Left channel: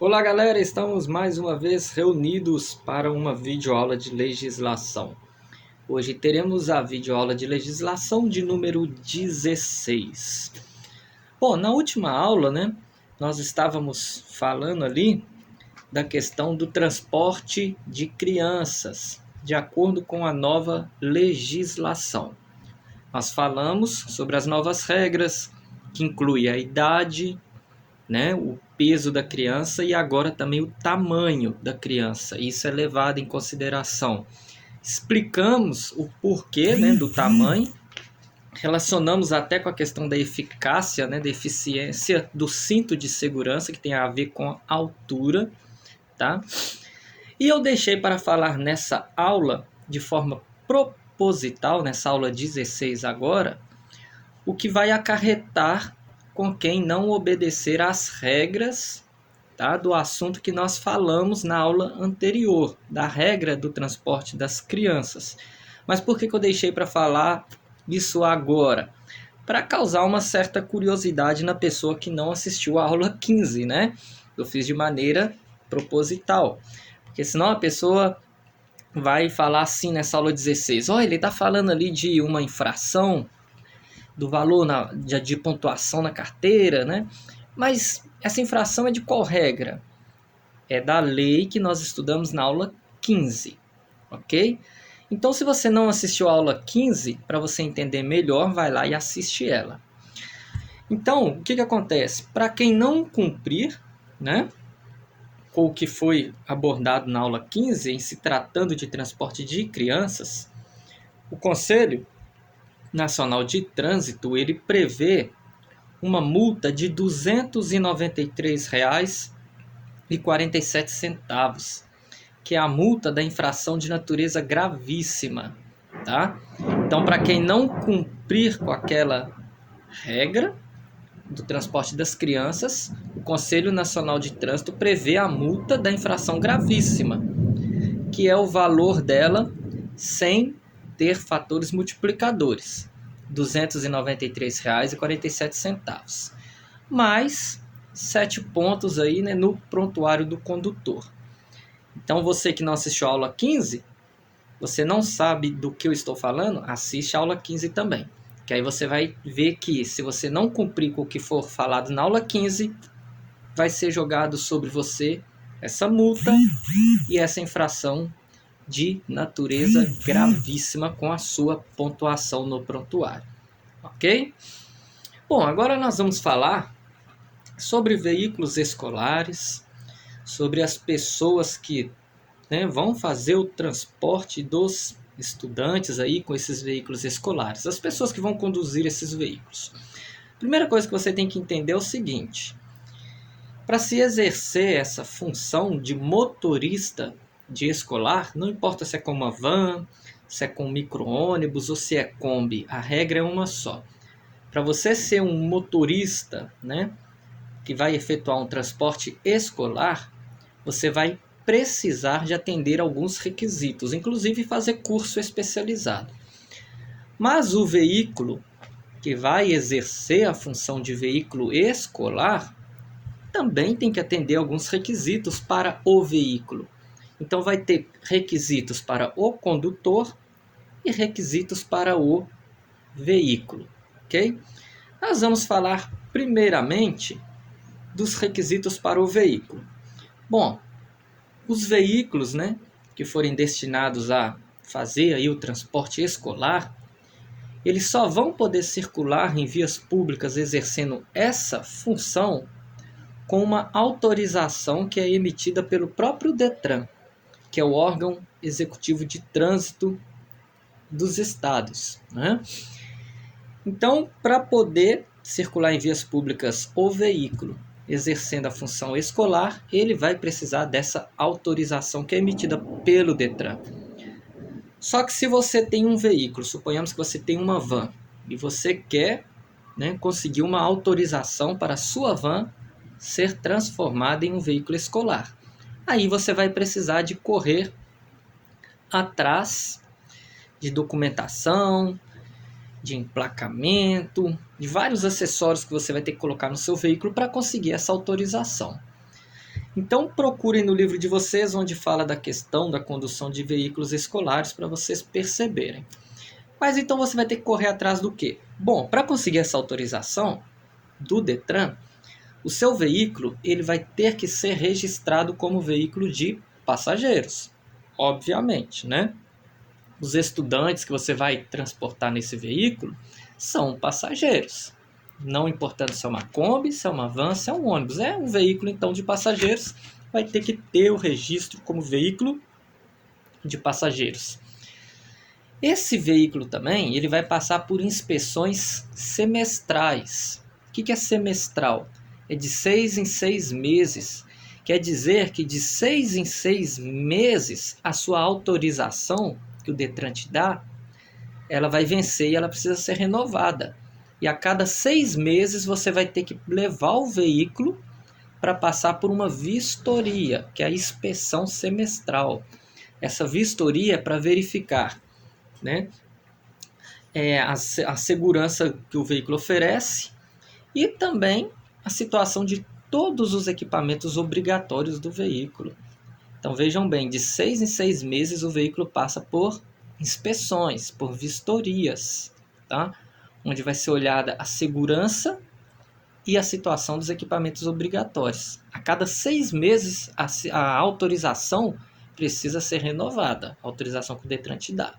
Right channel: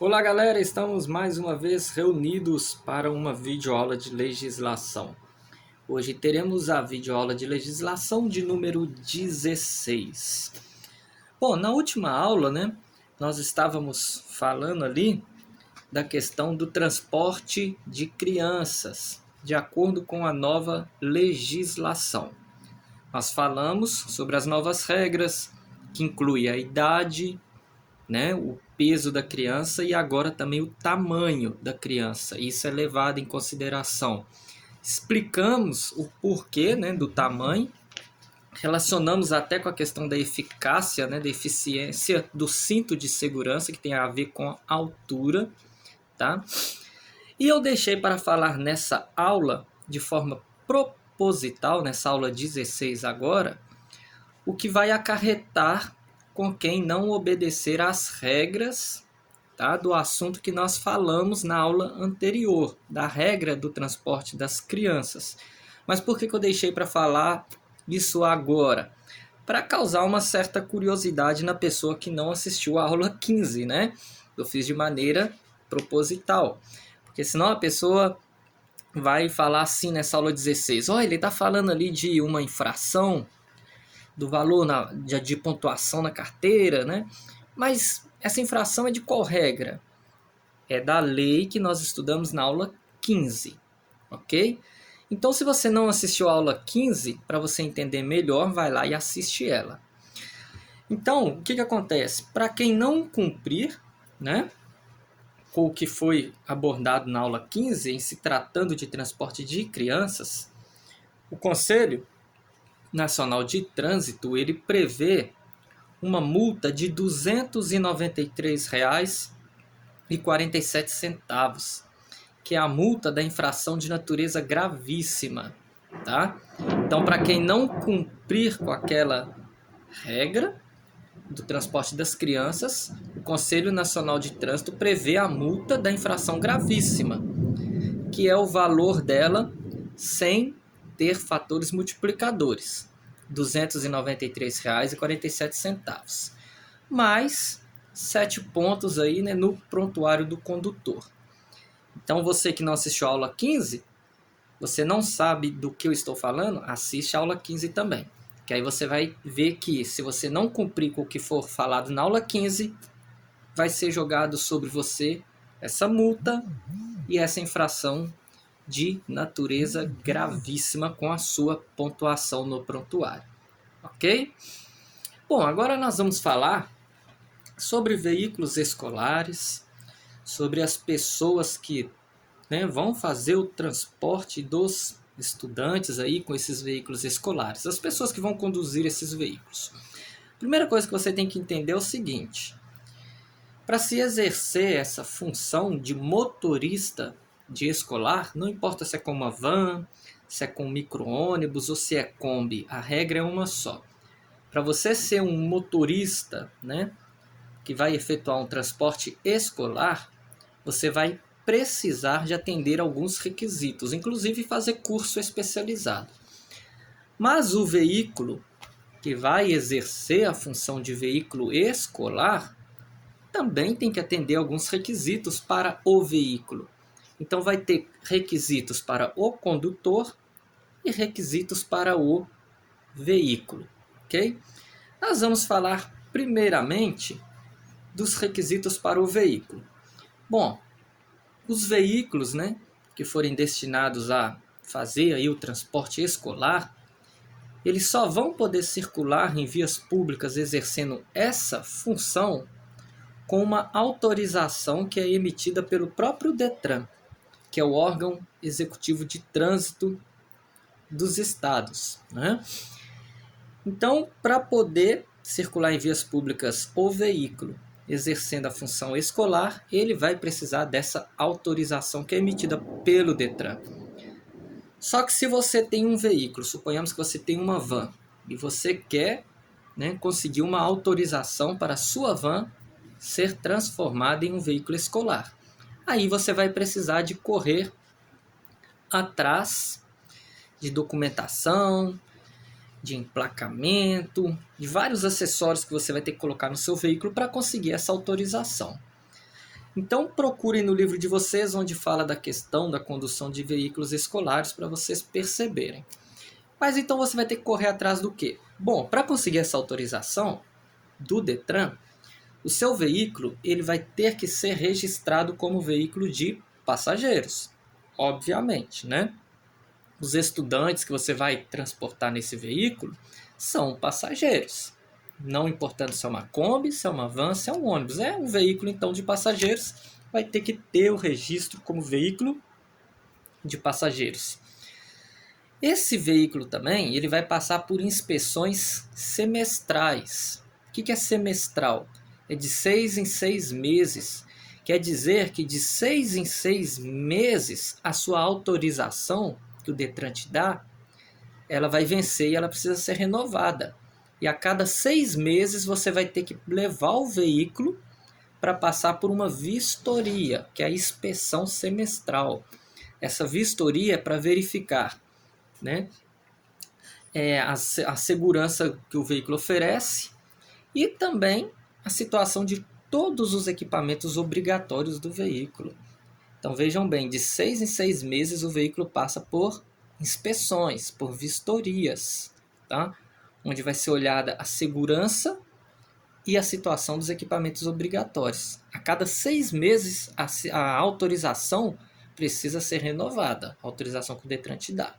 Olá galera, estamos mais uma vez reunidos para uma videoaula de legislação. Hoje teremos a videoaula de legislação de número 16. Bom, na última aula, nós estávamos falando ali da questão do transporte de crianças, de acordo com a nova legislação. Nós falamos sobre as novas regras, que inclui a idade, o peso da criança e agora também o tamanho da criança. Isso é levado em consideração. Explicamos o porquê, do tamanho, relacionamos até com a questão da eficácia, da eficiência do cinto de segurança, que tem a ver com a altura, tá? E eu deixei para falar nessa aula, de forma proposital, nessa aula 16 agora, o que vai acarretar com quem não obedecer às regras, tá, do assunto que nós falamos na aula anterior, da regra do transporte das crianças. Mas por que eu deixei para falar isso agora? Para causar uma certa curiosidade na pessoa que não assistiu a aula 15, né? Eu fiz de maneira proposital, porque senão a pessoa vai falar assim nessa aula 16, ele está falando ali de uma infração, do valor de pontuação na carteira, né? Mas essa infração é de qual regra? É da lei que nós estudamos na aula 15, ok? Então, se você não assistiu a aula 15, para você entender melhor, vai lá e assiste ela. Então, o que acontece? Para quem não cumprir, com o que foi abordado na aula 15, em se tratando de transporte de crianças, o Conselho Nacional de Trânsito, ele prevê uma multa de R$ 293,47, que é a multa da infração de natureza gravíssima, tá? Então, para quem não cumprir com aquela regra do transporte das crianças, o Conselho Nacional de Trânsito prevê a multa da infração gravíssima, que é o valor dela sem ter fatores multiplicadores. R$ 293,47, mais 7 pontos aí, no prontuário do condutor. Então, você que não assistiu a aula 15, você não sabe do que eu estou falando, assiste a aula 15 também. Que aí você vai ver que se você não cumprir com o que for falado na aula 15, vai ser jogado sobre você essa multa e essa infração de natureza gravíssima com a sua pontuação no prontuário. Ok? Bom, agora nós vamos falar sobre veículos escolares, sobre as pessoas que vão fazer o transporte dos estudantes aí com esses veículos escolares, as pessoas que vão conduzir esses veículos. Primeira coisa que você tem que entender é o seguinte: para se exercer essa função de motorista de escolar, não importa se é com uma van, se é com micro-ônibus ou se é Kombi, a regra é uma só. Para você ser um motorista, que vai efetuar um transporte escolar, você vai precisar de atender alguns requisitos, inclusive fazer curso especializado. Mas o veículo que vai exercer a função de veículo escolar também tem que atender alguns requisitos para o veículo. Então vai ter requisitos para o condutor e requisitos para o veículo, ok? Nós vamos falar primeiramente dos requisitos para o veículo. Bom, os veículos, que forem destinados a fazer aí o transporte escolar, eles só vão poder circular em vias públicas exercendo essa função com uma autorização que é emitida pelo próprio Detran, que é o órgão executivo de trânsito dos estados. Então, para poder circular em vias públicas o veículo exercendo a função escolar, ele vai precisar dessa autorização que é emitida pelo Detran. Só que se você tem um veículo, suponhamos que você tem uma van, e você quer conseguir uma autorização para a sua van ser transformada em um veículo escolar, aí você vai precisar de correr atrás de documentação, de emplacamento, de vários acessórios que você vai ter que colocar no seu veículo para conseguir essa autorização. Então procurem no livro de vocês onde fala da questão da condução de veículos escolares para vocês perceberem. Mas então você vai ter que correr atrás do quê? Bom, para conseguir essa autorização do Detran, o seu veículo ele vai ter que ser registrado como veículo de passageiros, obviamente, né? Os estudantes que você vai transportar nesse veículo são passageiros. Não importando se é uma Kombi, se é uma van, se é um ônibus. É um veículo, então, de passageiros. Vai ter que ter o registro como veículo de passageiros. Esse veículo também ele vai passar por inspeções semestrais. O que é semestral? É de 6 em 6 meses. Quer dizer que de 6 em 6 meses a sua autorização que o Detran te dá, ela vai vencer e ela precisa ser renovada. E a cada 6 meses você vai ter que levar o veículo para passar por uma vistoria, que é a inspeção semestral. Essa vistoria é para verificar, né, a segurança que o veículo oferece e também a situação de todos os equipamentos obrigatórios do veículo. Então vejam bem, de 6 em 6 meses o veículo passa por inspeções, por vistorias, tá? Onde vai ser olhada a segurança e a situação dos equipamentos obrigatórios. A cada 6 meses a autorização precisa ser renovada, a autorização que o Detran te dá.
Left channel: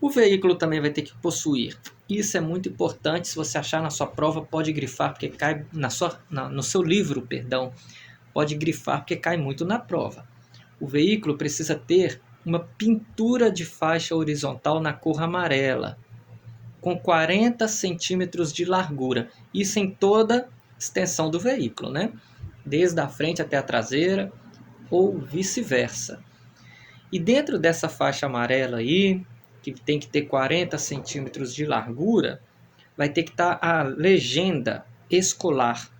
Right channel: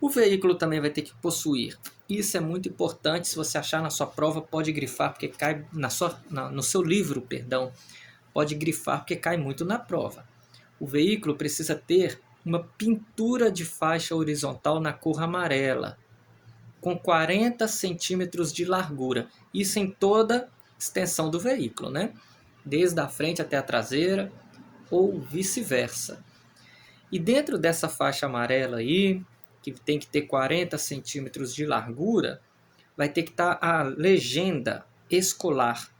O veículo também vai ter que possuir. Isso é muito importante. Se você achar na sua prova, pode grifar, porque cai no seu livro, perdão, pode grifar, porque cai muito na prova. O veículo precisa ter uma pintura de faixa horizontal na cor amarela, com 40 centímetros de largura. Isso em toda a extensão do veículo, né? Desde a frente até a traseira, ou vice-versa. E dentro dessa faixa amarela aí, que tem que ter 40 centímetros de largura, vai ter que estar a legenda escolar,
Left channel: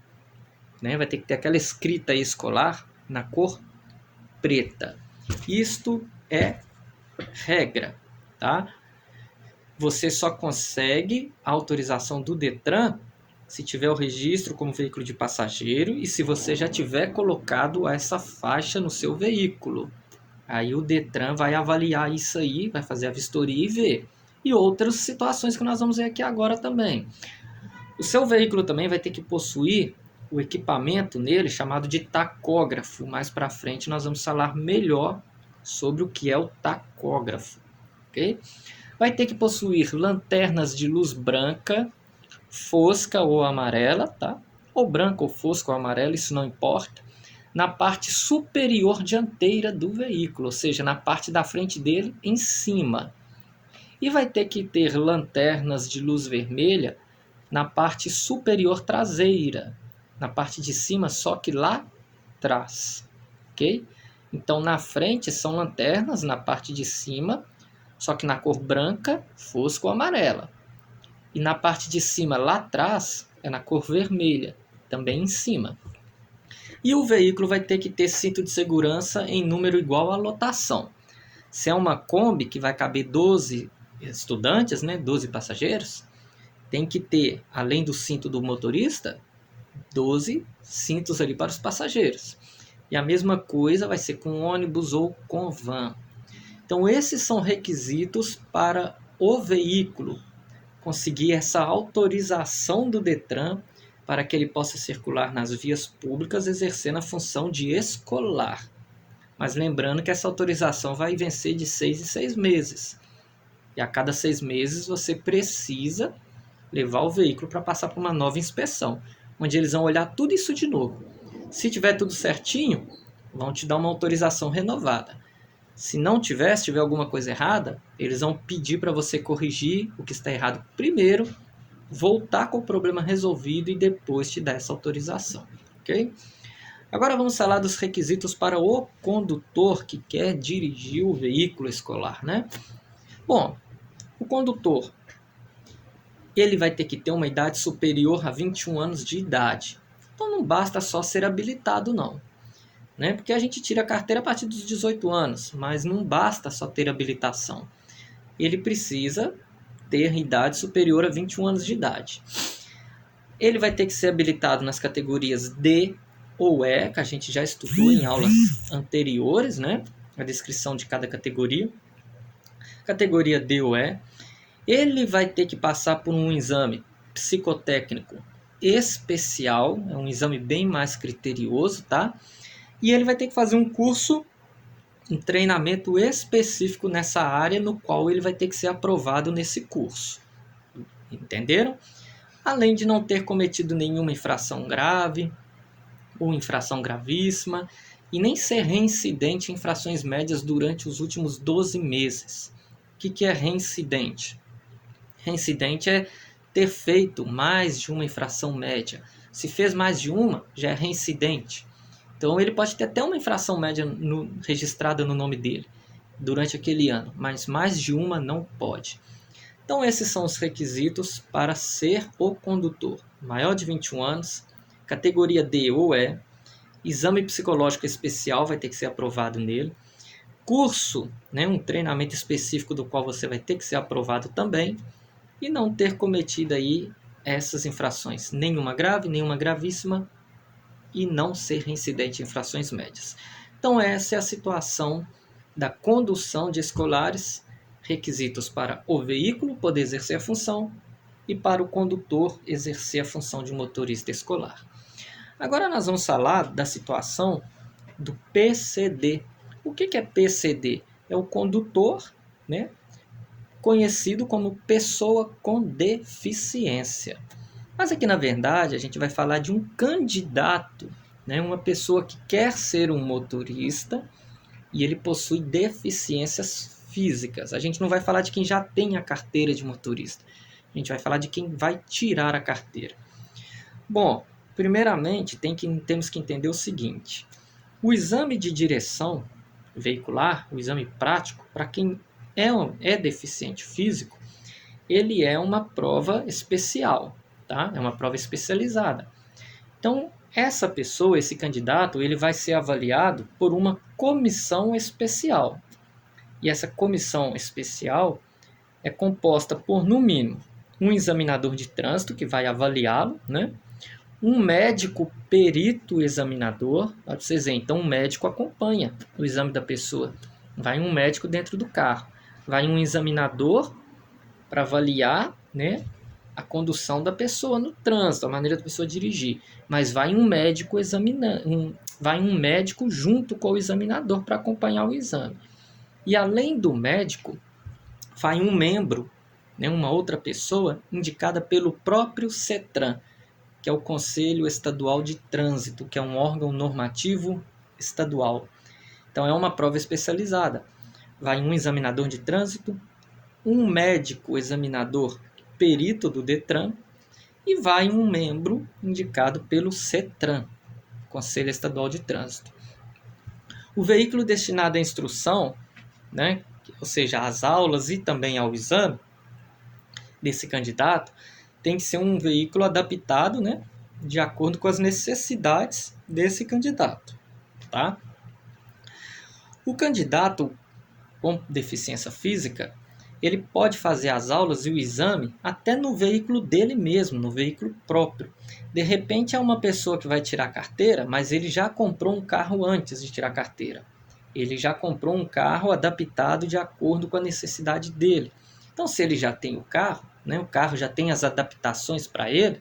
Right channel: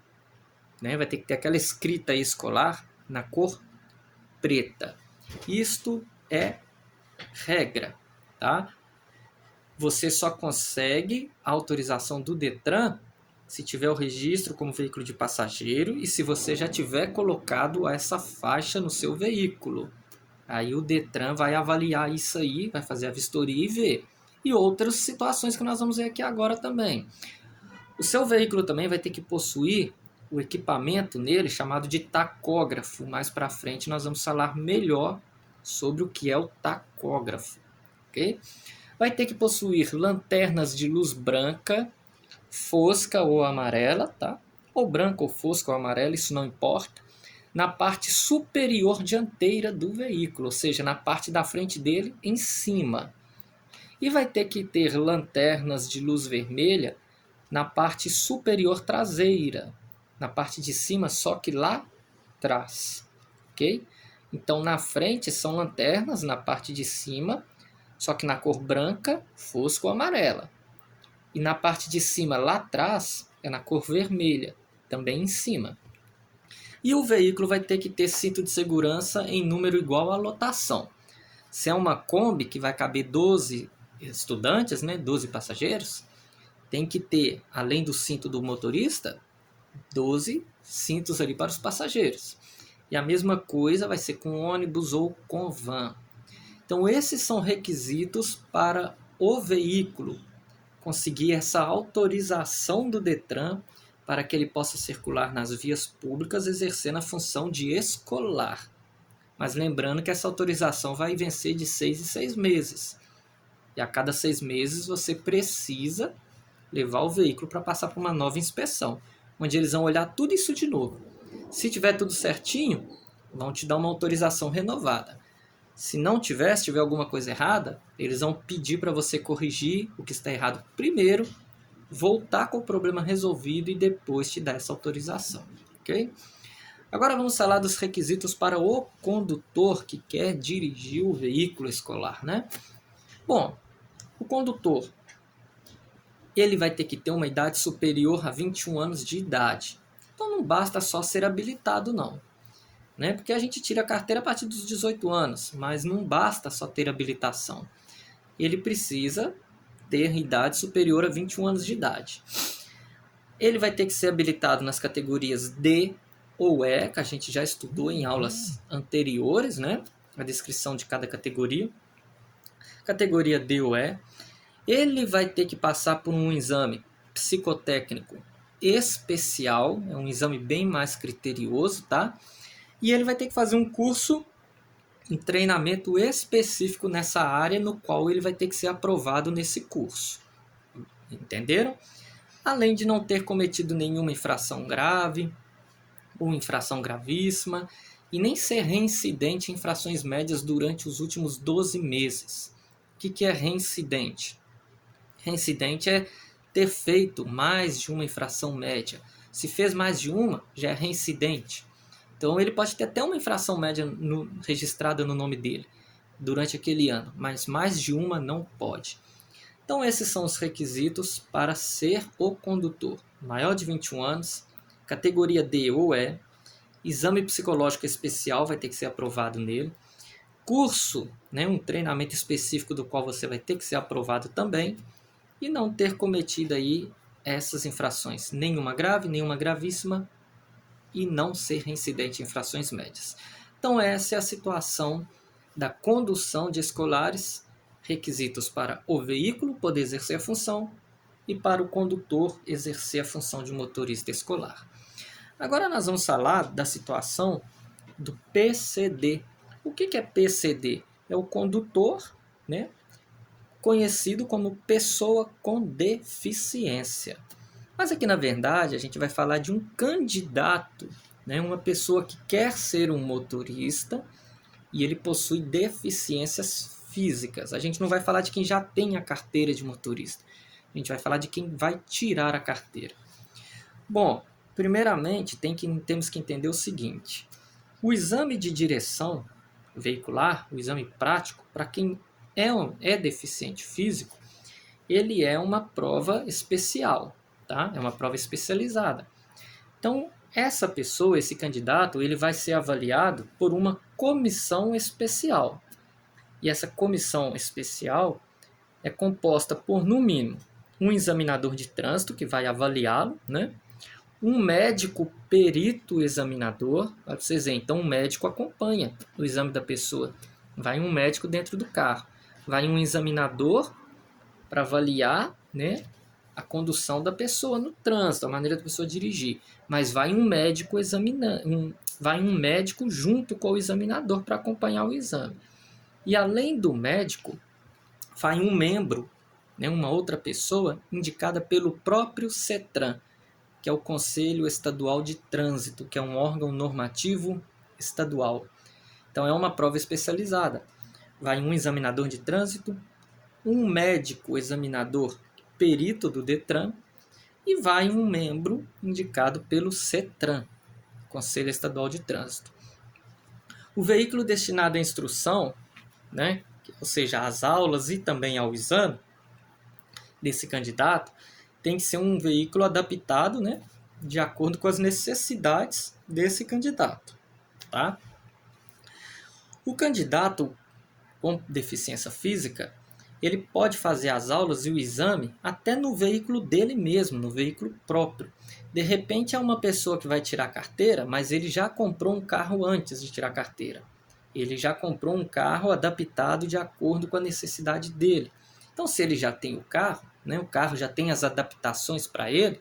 né? Vai ter que ter aquela escrita escolar na cor preta. Isto é regra, tá? Você só consegue a autorização do Detran se tiver o registro como veículo de passageiro e se você já tiver colocado essa faixa no seu veículo. Aí o Detran vai avaliar isso aí, vai fazer a vistoria e ver. E outras situações que nós vamos ver aqui agora também. O seu veículo também vai ter que possuir o equipamento nele chamado de tacógrafo. Mais para frente nós vamos falar melhor sobre o que é o tacógrafo. Okay? Vai ter que possuir lanternas de luz branca, fosca ou amarela, tá? Ou branca ou fosca ou amarela, isso não importa, na parte superior dianteira do veículo, ou seja, na parte da frente dele em cima. E vai ter que ter lanternas de luz vermelha na parte superior traseira, na parte de cima, só que lá atrás, ok? Então na frente são lanternas na parte de cima, só que na cor branca, fosca ou amarela. E na parte de cima lá atrás é na cor vermelha, também em cima. E o veículo vai ter que ter cinto de segurança em número igual à lotação. Se é uma Kombi que vai caber 12 estudantes, né, 12 passageiros, tem que ter, além do cinto do motorista, 12 cintos ali para os passageiros. E a mesma coisa vai ser com ônibus ou com van. Então esses são requisitos para o veículo conseguir essa autorização do Detran para que ele possa circular nas vias públicas exercendo a função de escolar. Mas lembrando que essa autorização vai vencer de 6 em 6 meses. E a cada 6 meses você precisa levar o veículo para passar por uma nova inspeção, onde eles vão olhar tudo isso de novo. Se tiver tudo certinho, vão te dar uma autorização renovada. Se não tiver, se tiver alguma coisa errada, eles vão pedir para você corrigir o que está errado primeiro, voltar com o problema resolvido e depois te dar essa autorização, ok? Agora vamos falar dos requisitos para o condutor que quer dirigir o veículo escolar, né? Bom, o condutor ele vai ter que ter uma idade superior a 21 anos de idade. Então não basta só ser habilitado, não. Né? Porque a gente tira a carteira a partir dos 18 anos, mas não basta só ter habilitação. Ele precisa ter idade superior a 21 anos de idade. Ele vai ter que ser habilitado nas categorias D, ou E, que a gente já estudou em aulas anteriores, né? A descrição de cada categoria. Categoria D ou E, ele vai ter que passar por um exame psicotécnico especial, é um exame bem mais criterioso, tá? E ele vai ter que fazer um curso, um treinamento específico nessa área, no qual ele vai ter que ser aprovado nesse curso. Entenderam? Além de não ter cometido nenhuma infração grave ou infração gravíssima, e nem ser reincidente em infrações médias durante os últimos 12 meses. O que é reincidente? Reincidente é ter feito mais de uma infração média. Se fez mais de uma, já é reincidente. Então ele pode ter até uma infração média registrada no nome dele durante aquele ano, mas mais de uma não pode. Então esses são os requisitos para ser o condutor. Maior de 21 anos, categoria D ou E, exame psicológico especial vai ter que ser aprovado nele, curso, né, um treinamento específico do qual você vai ter que ser aprovado também, e não ter cometido aí essas infrações, nenhuma grave, nenhuma gravíssima, e não ser reincidente em infrações médias. Então essa é a situação da condução de escolares, requisitos para o veículo poder exercer a função e para o condutor exercer a função de motorista escolar. Agora nós vamos falar da situação do PCD. O que é PCD? É o condutor, né, conhecido como pessoa com deficiência. Mas aqui na verdade a gente vai falar de um candidato, né, uma pessoa que quer ser um motorista e ele possui deficiências físicas. A gente não vai falar de quem já tem a carteira de motorista. A gente vai falar de quem vai tirar a carteira. Bom, primeiramente temos que entender o seguinte: o exame de direção veicular, o exame prático, para quem é deficiente físico, ele é uma prova especial, tá? É uma prova especializada. Então, essa pessoa, esse candidato, ele vai ser avaliado por uma comissão especial. E essa comissão especial é composta por, no mínimo, um examinador de trânsito que vai avaliá-lo, né? Um médico perito examinador, para vocês verem, então um médico acompanha o exame da pessoa. Vai um médico dentro do carro, vai um examinador para avaliar, né, a condução da pessoa no trânsito, a maneira da pessoa dirigir, mas vai um médico vai um médico junto com o examinador para acompanhar o exame. E além do médico, vai um membro, né, uma outra pessoa indicada pelo próprio CETRAN, que é o Conselho Estadual de Trânsito, que é um órgão normativo estadual. Então é uma prova especializada. Vai um examinador de trânsito, um médico examinador perito do DETRAN e vai um membro indicado pelo CETRAN, Conselho Estadual de Trânsito. O veículo destinado à instrução, né, ou seja, às aulas e também ao exame desse candidato, tem que ser um veículo adaptado, né, de acordo com as necessidades desse candidato, tá? O candidato com deficiência física, ele pode fazer as aulas e o exame até no veículo dele mesmo, no veículo próprio. De repente é uma pessoa que vai tirar a carteira, mas ele já comprou um carro antes de tirar a carteira. Ele já comprou um carro adaptado de acordo com a necessidade dele. Então, se ele já tem o carro, né, o carro já tem as adaptações para ele,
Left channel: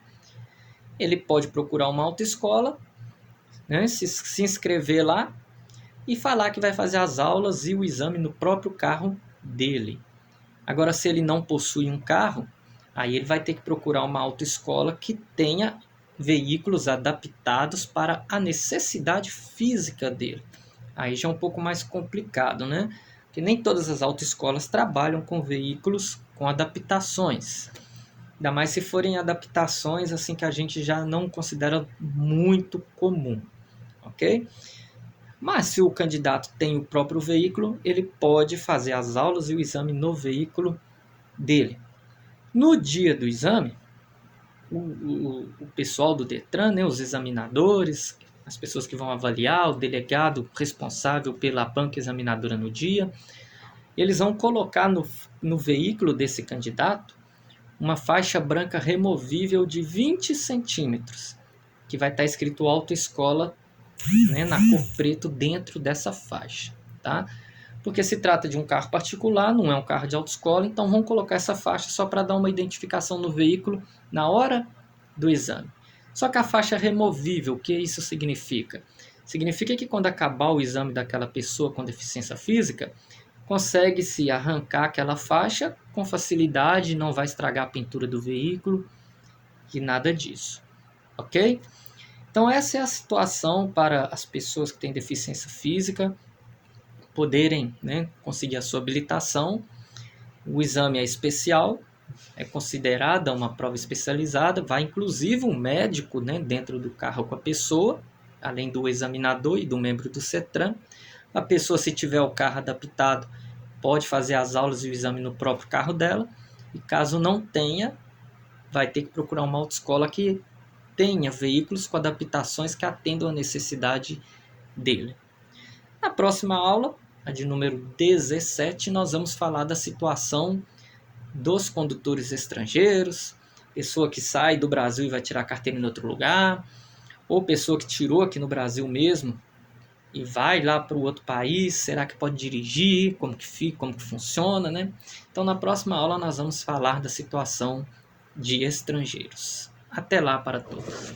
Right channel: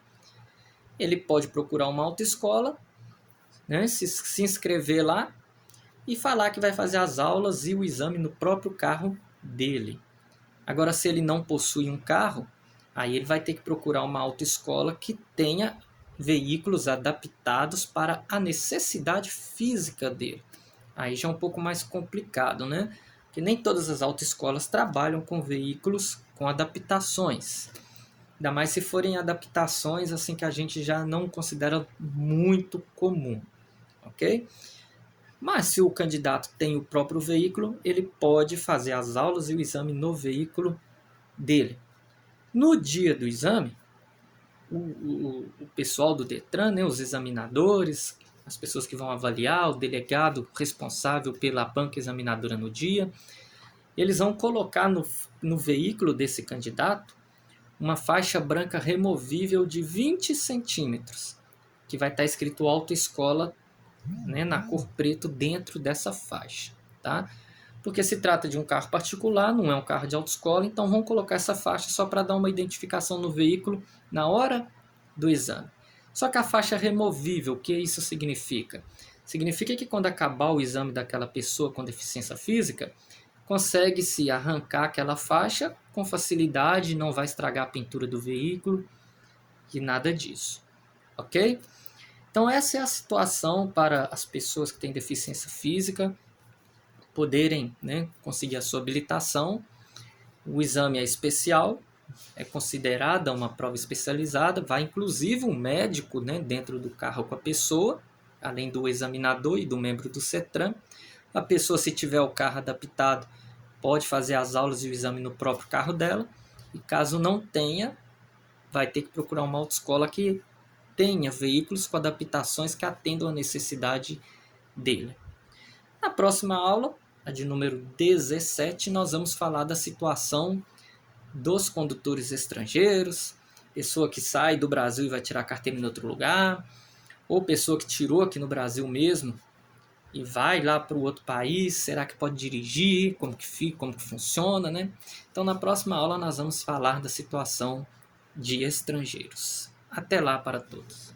ele pode procurar uma autoescola, né, se inscrever lá e falar que vai fazer as aulas e o exame no próprio carro dele. Agora, se ele não possui um carro, aí ele vai ter que procurar uma autoescola que tenha veículos adaptados para a necessidade física dele. Aí já é um pouco mais complicado, né? Porque nem todas as autoescolas trabalham com veículos com adaptações. Ainda mais se forem adaptações assim que a gente já não considera muito comum, ok? Mas se o candidato tem o próprio veículo, ele pode fazer as aulas e o exame no veículo dele. No dia do exame, o pessoal do DETRAN, né, os examinadores, as pessoas que vão avaliar, o delegado responsável pela banca examinadora no dia, eles vão colocar no veículo desse candidato uma faixa branca removível de 20 centímetros, que vai estar escrito autoescola né, na cor preto dentro dessa faixa, tá? Porque se trata de um carro particular, não é um carro de autoescola, então vamos colocar essa faixa só para dar uma identificação no veículo na hora do exame. Só que a faixa é removível, o que isso significa? Significa que quando acabar o exame daquela pessoa com deficiência física, consegue-se arrancar aquela faixa com facilidade, não vai estragar a pintura do veículo e nada disso, ok? Então essa é a situação para as pessoas que têm deficiência física poderem, né, conseguir a sua habilitação. O exame é especial, é considerada uma prova especializada, vai inclusive um médico, né, dentro do carro com a pessoa, além do examinador e do membro do CETRAN. A pessoa, se tiver o carro adaptado, pode fazer as aulas e o exame no próprio carro dela, e caso não tenha, vai ter que procurar uma autoescola que tenha veículos com adaptações que atendam a necessidade dele. Na próxima aula, a de número 17, nós vamos falar da situação dos condutores estrangeiros, pessoa que sai do Brasil e vai tirar a carteira em outro lugar, ou pessoa que tirou aqui no Brasil mesmo e vai lá para o outro país, será que pode dirigir, como que fica, como que funciona, né? Então, na próxima aula, nós vamos falar da situação de estrangeiros. Até lá para todos.